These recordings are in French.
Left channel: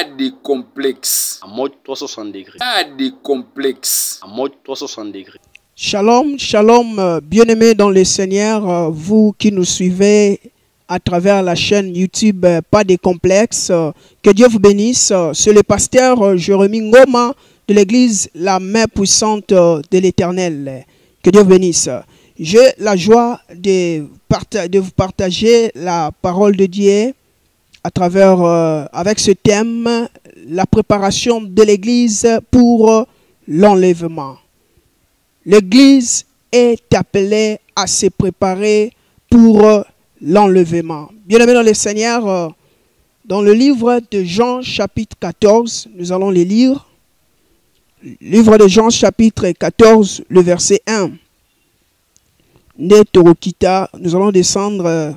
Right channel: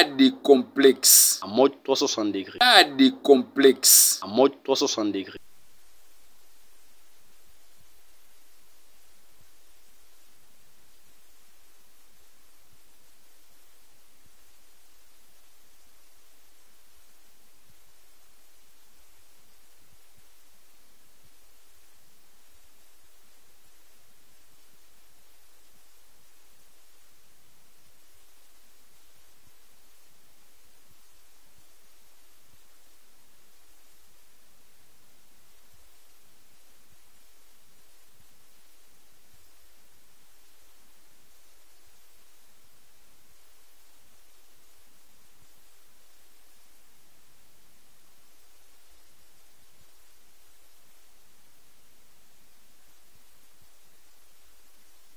Pas de complexe. En mode 360 degrés. Pas de complexe. En mode 360 degrés. Shalom, shalom, bien-aimés dans le Seigneur, vous qui nous suivez à travers la chaîne YouTube Pas de complexe, que Dieu vous bénisse. C'est le pasteur Jérémie Ngoma de l'église La Main Puissante de l'Éternel. Que Dieu vous bénisse. J'ai la joie de vous partager la parole de Dieu à travers, avec ce thème, la préparation de l'église pour l'enlèvement. L'église est appelée à se préparer pour l'enlèvement. Bien-aimés dans le Seigneur, dans le livre de Jean chapitre 14, nous allons les lire. Livre de Jean chapitre 14, le verset 1. Nous allons descendre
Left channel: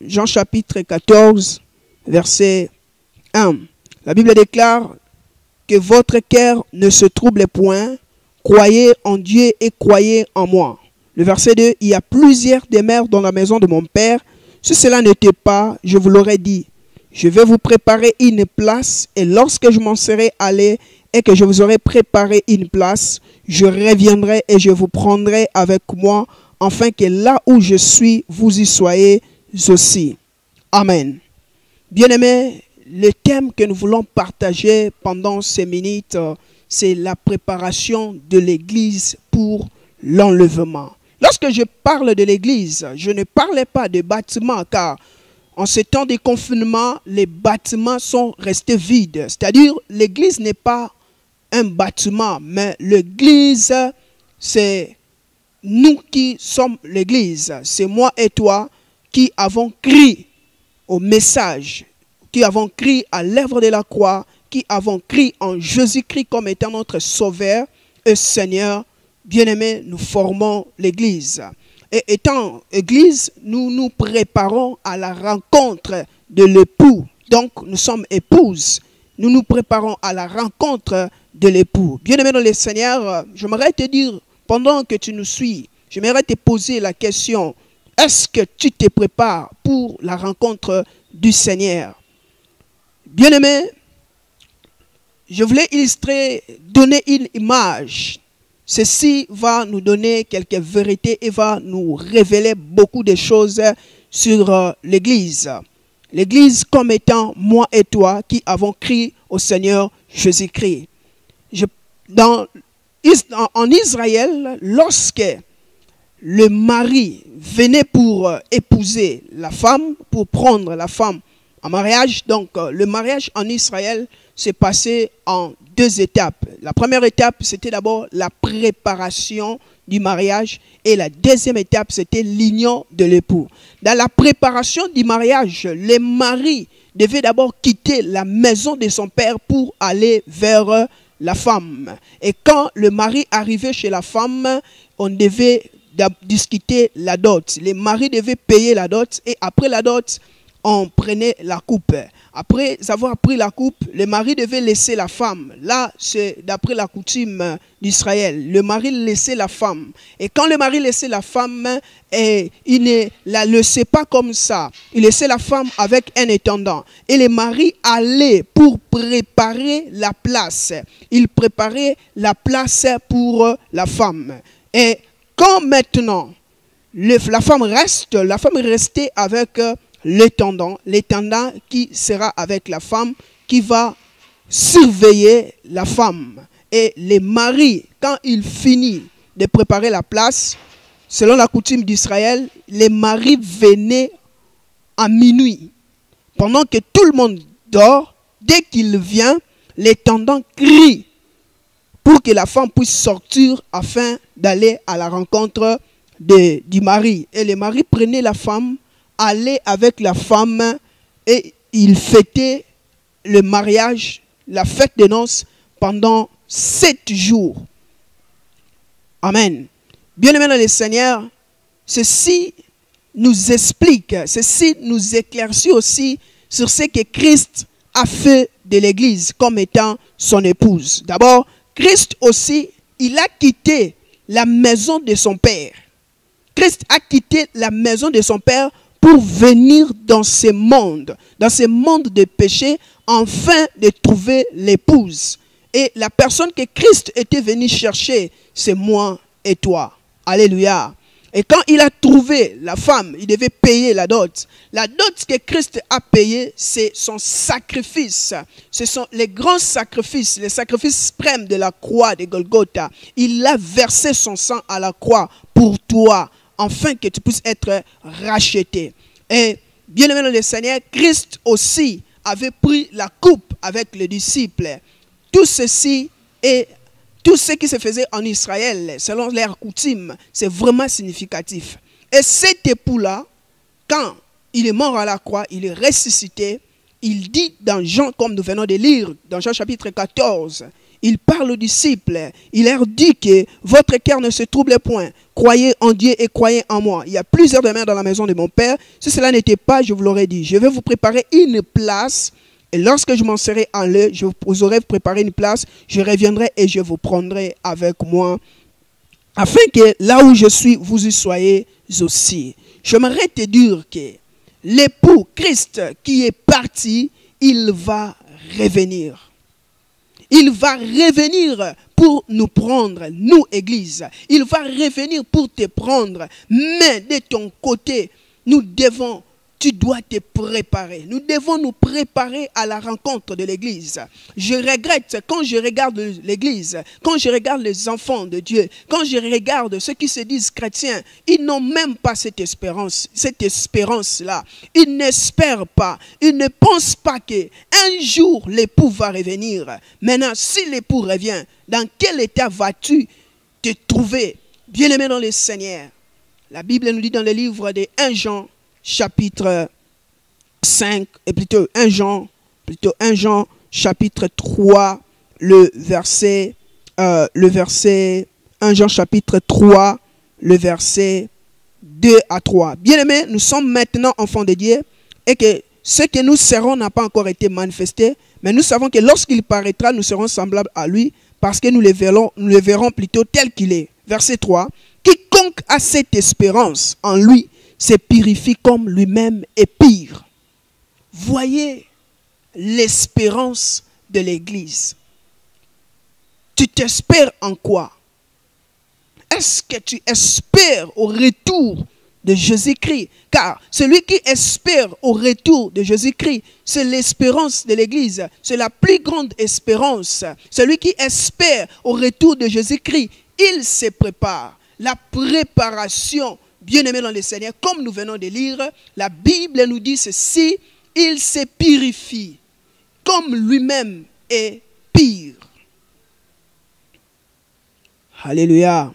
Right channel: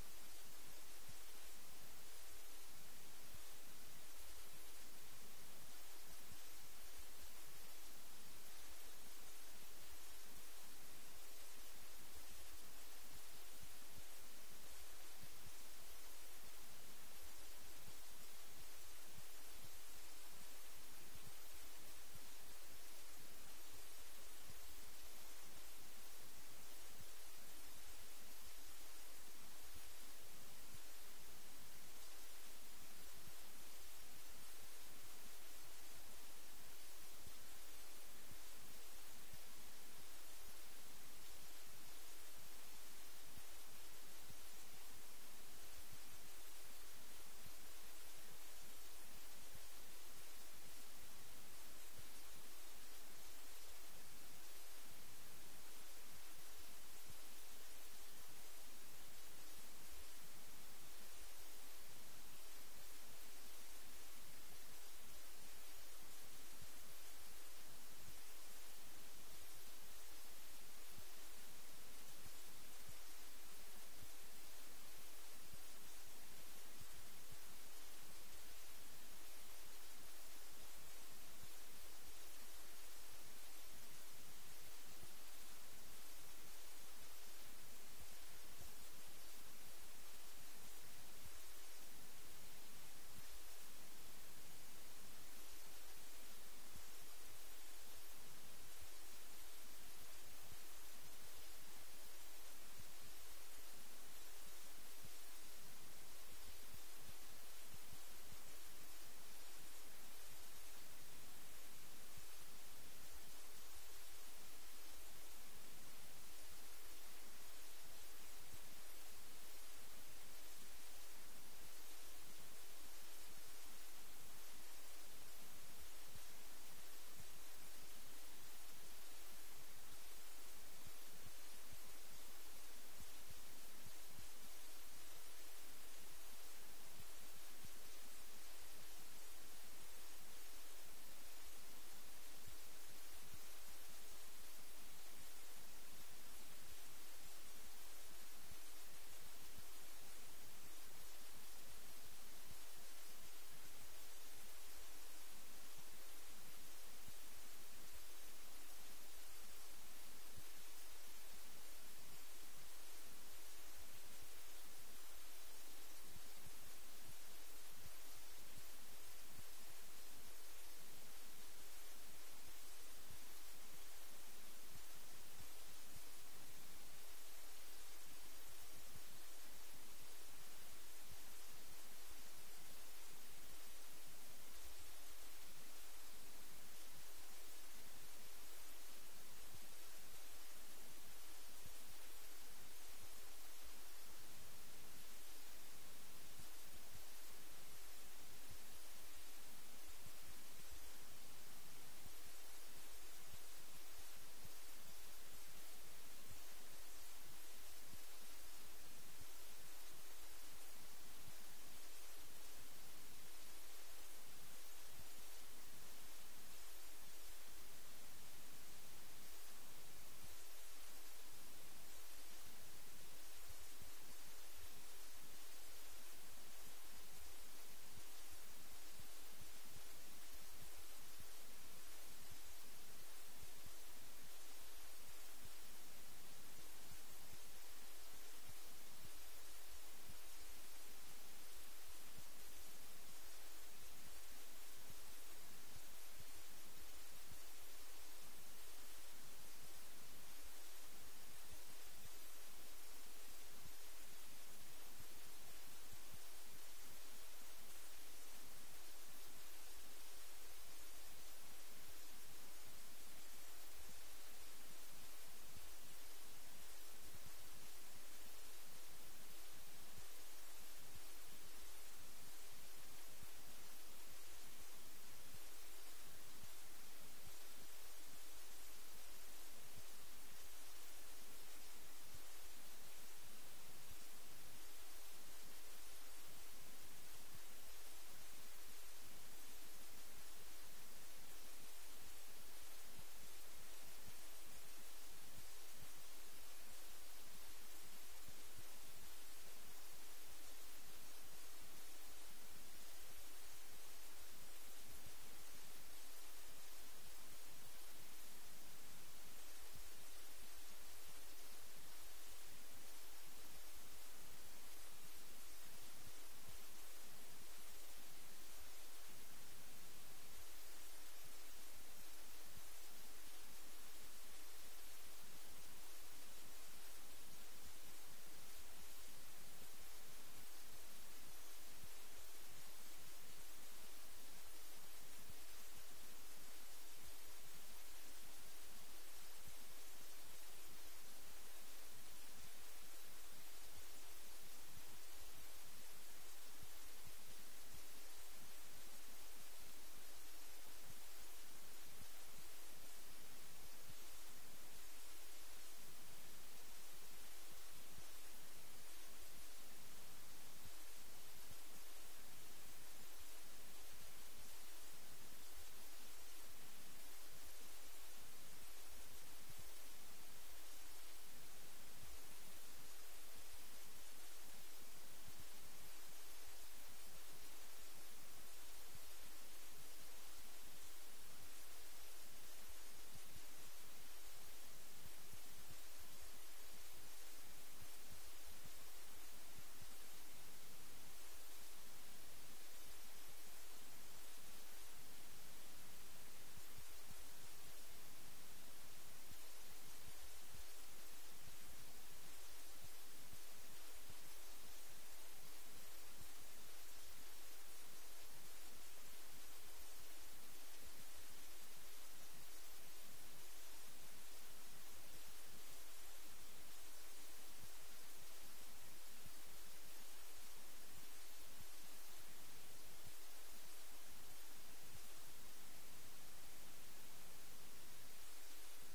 Jean chapitre 14, verset 1. La Bible déclare que votre cœur ne se trouble point. Croyez en Dieu et croyez en moi. Le verset 2, il y a plusieurs demeures dans la maison de mon Père. Si cela n'était pas, je vous l'aurais dit. Je vais vous préparer une place et lorsque je m'en serai allé et que je vous aurai préparé une place, je reviendrai et je vous prendrai avec moi, afin que là où je suis, vous y soyez aussi. Amen. Bien-aimés, le thème que nous voulons partager pendant ces minutes, c'est la préparation de l'église pour l'enlèvement. Lorsque je parle de l'église, je ne parlais pas de bâtiments, car en ces temps de confinement, les bâtiments sont restés vides. C'est-à-dire, l'église n'est pas un bâtiment, mais l'église, c'est nous qui sommes l'église. C'est moi et toi qui avons crié au message, qui avons crié à l'œuvre de la croix, qui avons crié en Jésus-Christ comme étant notre Sauveur et Seigneur. Bien-aimés, nous formons l'Église. Et étant Église, nous nous préparons à la rencontre de l'époux. Donc, nous sommes épouses. Nous nous préparons à la rencontre de l'époux. Bien-aimés dans le Seigneur, j'aimerais te dire, pendant que tu nous suis, j'aimerais te poser la question, est-ce que tu te prépares pour la rencontre du Seigneur? Bien-aimés, je voulais illustrer, donner une image. Ceci va nous donner quelques vérités et va nous révéler beaucoup de choses sur l'Église. L'Église comme étant moi et toi qui avons crié au Seigneur Jésus-Christ. En Israël, lorsque le mari venait pour épouser la femme, pour prendre la femme en mariage, donc le mariage en Israël s'est passé en deux étapes. La première étape, c'était d'abord la préparation du mariage et la deuxième étape, c'était l'union de l'époux. Dans la préparation du mariage, le mari devait d'abord quitter la maison de son père pour aller vers la femme. Et quand le mari arrivait chez la femme, on devait discuter la dot. Les maris devaient payer la dot et après la dot, on prenait la coupe. Après avoir pris la coupe, le mari devait laisser la femme. Là, c'est d'après la coutume d'Israël. Le mari laissait la femme. Et quand le mari laissait la femme, il ne la laissait pas comme ça. Il laissait la femme avec un intendant. Et le mari allait pour préparer la place. Il préparait la place pour la femme. Et quand maintenant, la femme restait avec l'intendant qui sera avec la femme, qui va surveiller la femme. Et les maris, quand il finit de préparer la place, selon la coutume d'Israël, les maris venaient à minuit. Pendant que tout le monde dort, dès qu'il vient, l'intendant crie pour que la femme puisse sortir afin d'aller à la rencontre du mari. Et les maris prenaient la femme, aller avec la femme et il fêtait le mariage, la fête de noces pendant 7 jours. Amen. Bien-aimés dans le Seigneur, ceci nous explique, ceci nous éclaircit aussi sur ce que Christ a fait de l'Église comme étant son épouse. D'abord, Christ aussi, il a quitté la maison de son Père. Christ a quitté la maison de son Père pour venir dans ce monde de péché, afin de trouver l'épouse. Et la personne que Christ était venu chercher, c'est moi et toi. Alléluia. Et quand il a trouvé la femme, il devait payer la dot. La dot que Christ a payée, c'est son sacrifice. Ce sont les grands sacrifices, les sacrifices suprêmes de la croix de Golgotha. Il a versé son sang à la croix pour toi, afin que tu puisses être racheté. Et bien aimé dans le Seigneur, Christ aussi avait pris la coupe avec les disciples. Tout ceci et tout ce qui se faisait en Israël, selon leur coutume, c'est vraiment significatif. Et cet époux-là, quand il est mort à la croix, il est ressuscité, il dit dans Jean, comme nous venons de lire, dans Jean chapitre 14, il parle aux disciples, il leur dit que votre cœur ne se trouble point, croyez en Dieu et croyez en moi. Il y a plusieurs demeures dans la maison de mon Père, si cela n'était pas, je vous l'aurais dit, je vais vous préparer une place. Et lorsque je m'en serai allé, je vous aurai préparé une place, je reviendrai et je vous prendrai avec moi, afin que là où je suis, vous y soyez aussi. J'aimerais te dire que l'époux Christ qui est parti, il va revenir. Il va revenir pour nous prendre, nous, Église. Il va revenir pour te prendre. Mais de ton côté, tu dois te préparer. Nous devons nous préparer à la rencontre de l'Église. Je regrette quand je regarde l'Église, quand je regarde les enfants de Dieu, quand je regarde ceux qui se disent chrétiens, ils n'ont même pas cette espérance-là. Ils n'espèrent pas, ils ne pensent pas qu'un jour l'époux va revenir. Maintenant, si l'époux revient, dans quel état vas-tu te trouver? Bien-aimé dans le Seigneur, la Bible nous dit dans le livre de 1 Jean, chapitre 5, et plutôt 1 Jean, chapitre 3, le verset 1 Jean chapitre 3, le verset 2 à 3. Bien-aimés, nous sommes maintenant enfants de Dieu et que ce que nous serons n'a pas encore été manifesté, mais nous savons que lorsqu'il paraîtra, nous serons semblables à lui parce que nous le verrons plutôt tel qu'il est. Verset 3. Quiconque a cette espérance en lui se purifie comme lui-même est pire. Voyez l'espérance de l'Église. Tu t'espères en quoi? Est-ce que tu espères au retour de Jésus-Christ? Car celui qui espère au retour de Jésus-Christ, c'est l'espérance de l'Église. C'est la plus grande espérance. Celui qui espère au retour de Jésus-Christ, il se prépare. La préparation, bien-aimé dans le Seigneur, comme nous venons de lire, la Bible nous dit ceci, il se purifie comme lui-même est pire. Alléluia.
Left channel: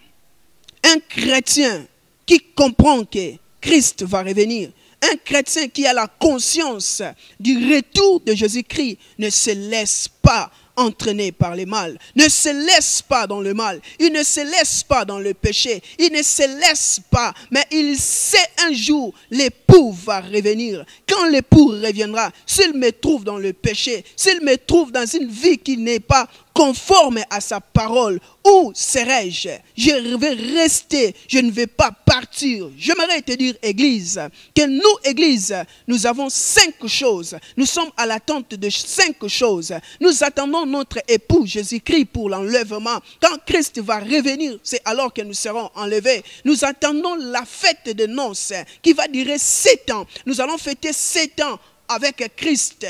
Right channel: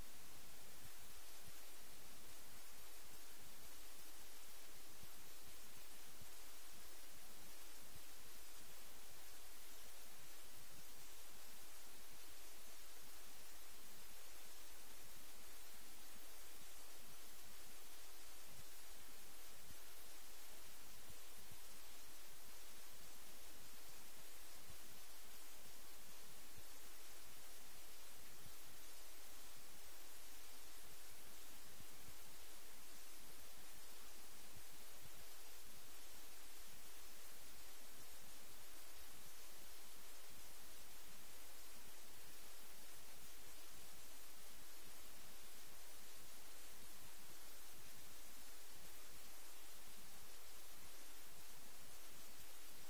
Un chrétien qui comprend que Christ va revenir, un chrétien qui a la conscience du retour de Jésus-Christ ne se laisse pas entraîné par le mal, ne se laisse pas dans le mal, il ne se laisse pas dans le péché, il ne se laisse pas, mais il sait un jour l'époux va revenir. Quand l'époux reviendra, s'il me trouve dans le péché, s'il me trouve dans une vie qui n'est pas conforme à sa parole, où serai-je? Je vais rester, je ne vais pas partir. J'aimerais te dire, Église, que nous, Église, nous avons 5 choses. Nous sommes à l'attente de 5 choses. Nous attendons notre époux Jésus-Christ pour l'enlèvement. Quand Christ va revenir, c'est alors que nous serons enlevés. Nous attendons la fête de noces qui va durer 7 ans. Nous allons fêter 7 ans avec Christ.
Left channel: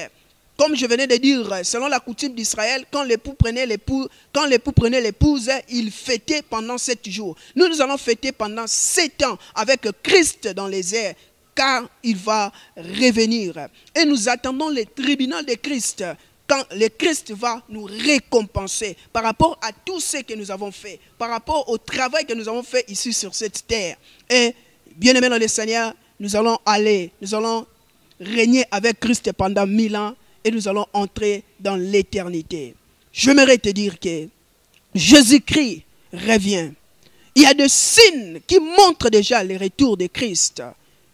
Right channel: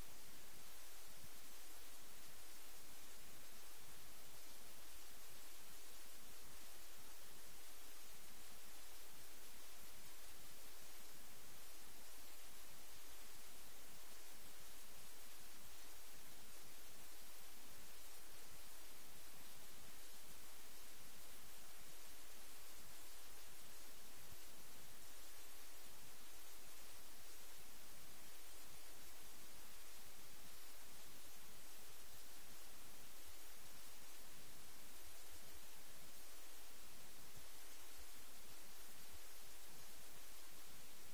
Comme je venais de dire, selon la coutume d'Israël, quand l'époux prenait l'épouse, il fêtait pendant 7 jours. Nous allons fêter pendant 7 ans avec Christ dans les airs, car il va revenir. Et nous attendons le tribunal de Christ, quand le Christ va nous récompenser par rapport à tout ce que nous avons fait, par rapport au travail que nous avons fait ici sur cette terre. Et bien aimés dans le Seigneur, nous allons régner avec Christ pendant 1000 ans. Et nous allons entrer dans l'éternité. J'aimerais te dire que Jésus-Christ revient. Il y a des signes qui montrent déjà le retour de Christ.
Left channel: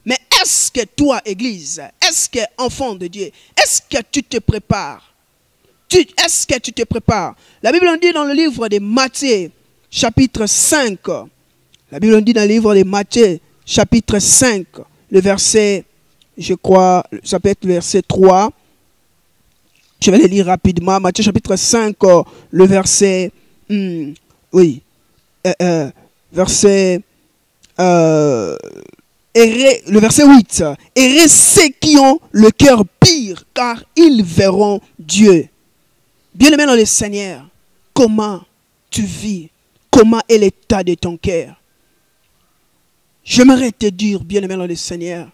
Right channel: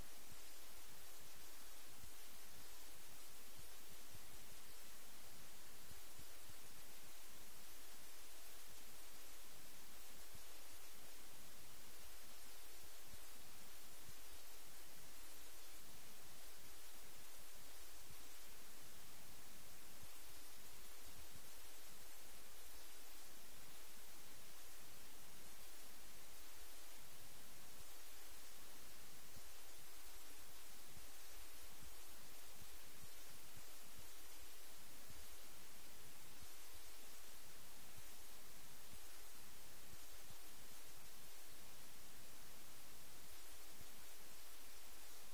Mais est-ce que toi, Église, est-ce que enfant de Dieu, est-ce que tu te prépares? Est-ce que tu te prépares? La Bible nous dit dans le livre de Matthieu, chapitre 5. La Bible nous dit dans le livre de Matthieu, chapitre 5, le verset je crois, ça peut être le verset 3. Je vais le lire rapidement. Matthieu chapitre 5, le verset... oui. Verset... le verset 8. Heureux ceux qui ont le cœur pur, car ils verront Dieu. Bien-aimé dans le Seigneur, comment tu vis? Comment est l'état de ton cœur? J'aimerais te dire, bien-aimé dans le Seigneur,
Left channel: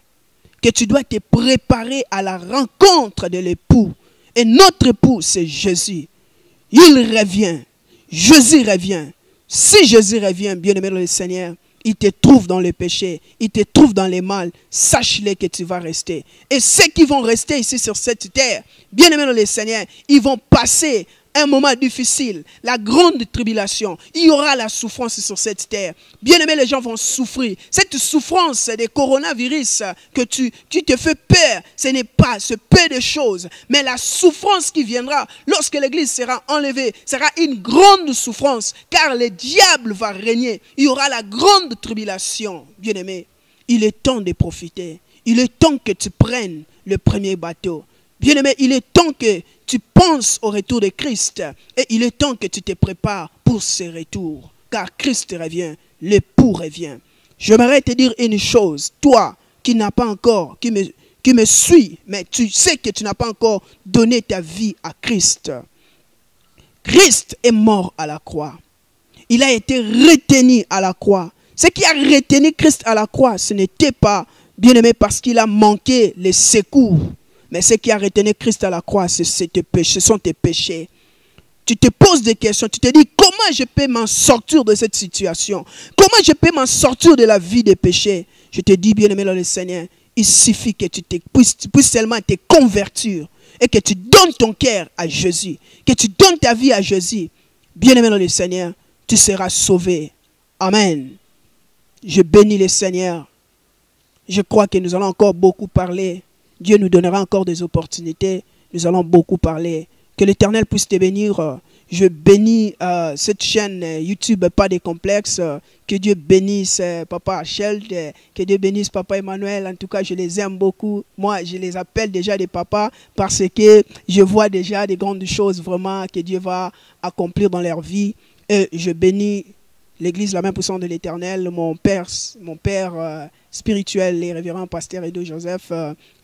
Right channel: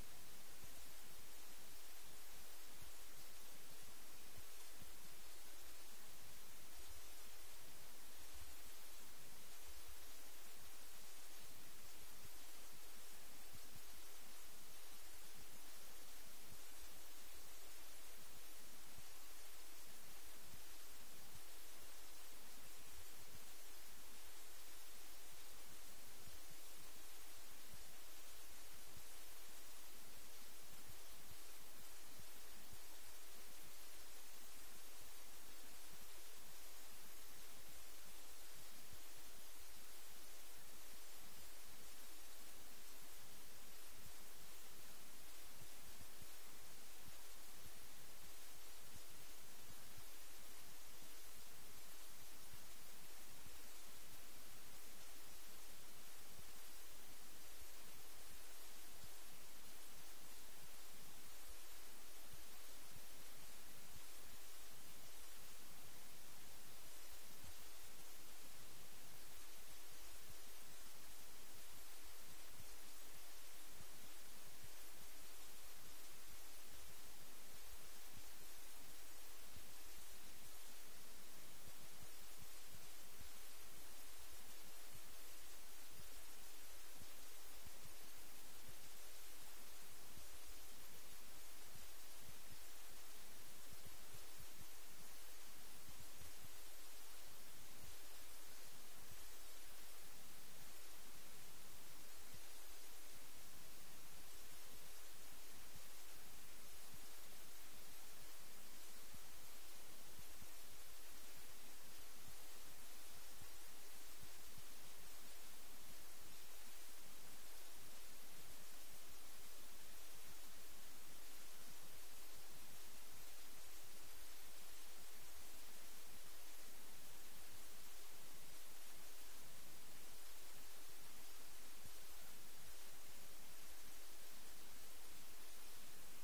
que tu dois te préparer à la rencontre de l'époux. Et notre époux, c'est Jésus. Il revient. Jésus revient. Si Jésus revient, bien-aimé dans le Seigneur, il te trouve dans le péché, il te trouve dans les mal, sache-le que tu vas rester. Et ceux qui vont rester ici sur cette terre, bien-aimés dans le Seigneur, ils vont passer un moment difficile, la grande tribulation. Il y aura la souffrance sur cette terre. Bien-aimés, les gens vont souffrir. Cette souffrance des coronavirus que tu te fais peur, ce n'est pas ce peu de choses. Mais la souffrance qui viendra lorsque l'église sera enlevée sera une grande souffrance, car le diable va régner. Il y aura la grande tribulation. Bien-aimés, il est temps de profiter. Il est temps que tu prennes le premier bateau. Bien-aimé, il est temps que tu penses au retour de Christ et il est temps que tu te prépares pour ce retour. Car Christ revient, l'époux revient. J'aimerais te dire une chose, toi qui n'as pas encore, qui me suis, mais tu sais que tu n'as pas encore donné ta vie à Christ. Christ est mort à la croix. Il a été retenu à la croix. Ce qui a retenu Christ à la croix, ce n'était pas, bien-aimé, parce qu'il a manqué les secours. Mais ce qui a retenu Christ à la croix, ce sont tes péchés. Tu te poses des questions, tu te dis comment je peux m'en sortir de cette situation? Comment je peux m'en sortir de la vie des péchés? Je te dis, bien-aimé dans le Seigneur, il suffit que tu puisses seulement te convertir et que tu donnes ton cœur à Jésus, que tu donnes ta vie à Jésus. Bien-aimé dans le Seigneur, tu seras sauvé. Amen. Je bénis le Seigneur. Je crois que nous allons encore beaucoup parler. Dieu nous donnera encore des opportunités. Nous allons beaucoup parler. Que l'Éternel puisse te bénir. Je bénis cette chaîne YouTube, pas de complexe. Que Dieu bénisse Papa Achel. Que Dieu bénisse Papa Emmanuel. En tout cas, je les aime beaucoup. Moi, je les appelle déjà des papas parce que je vois déjà des grandes choses vraiment que Dieu va accomplir dans leur vie. Et je bénis l'Église, la main puissante de l'Éternel, mon père spirituel, les révérends pasteur Edo Joseph.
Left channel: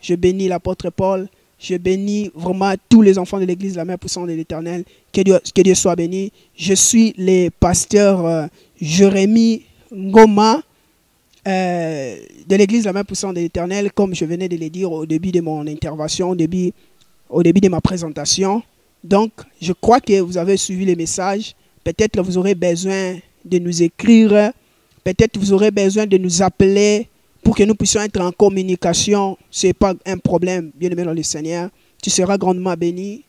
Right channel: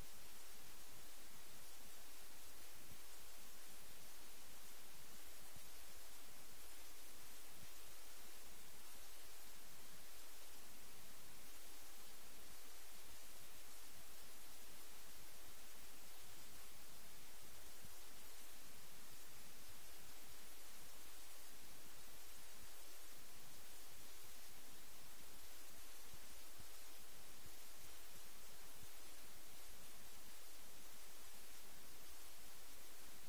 Je bénis l'apôtre Paul. Je bénis vraiment tous les enfants de l'église, la main puissante de l'Éternel. Que Dieu soit béni. Je suis le pasteur Jérémie Ngoma de l'église, la main puissante de l'Éternel, comme je venais de le dire au début de mon intervention, au début de ma présentation. Donc, je crois que vous avez suivi les messages. Peut-être que vous aurez besoin de nous écrire. Peut-être que vous aurez besoin de nous appeler pour que nous puissions être en communication. Ce n'est pas un problème, bien-aimé dans le Seigneur. Tu seras grandement béni.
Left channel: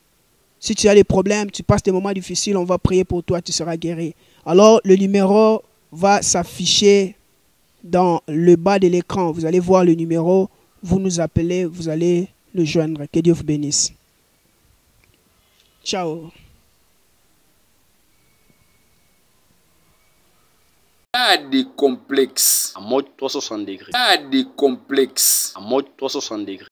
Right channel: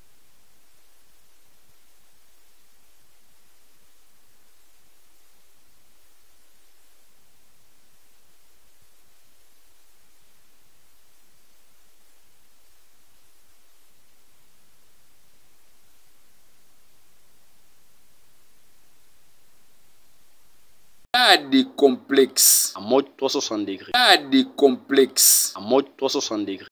Si tu as des problèmes, tu passes des moments difficiles, on va prier pour toi, tu seras guéri. Alors, le numéro va s'afficher dans le bas de l'écran. Vous allez voir le numéro, vous nous appelez, vous allez nous joindre. Que Dieu vous bénisse. Ciao. Pas de complexe. En mode 360 degrés. Pas de complexe. En mode 360 degrés.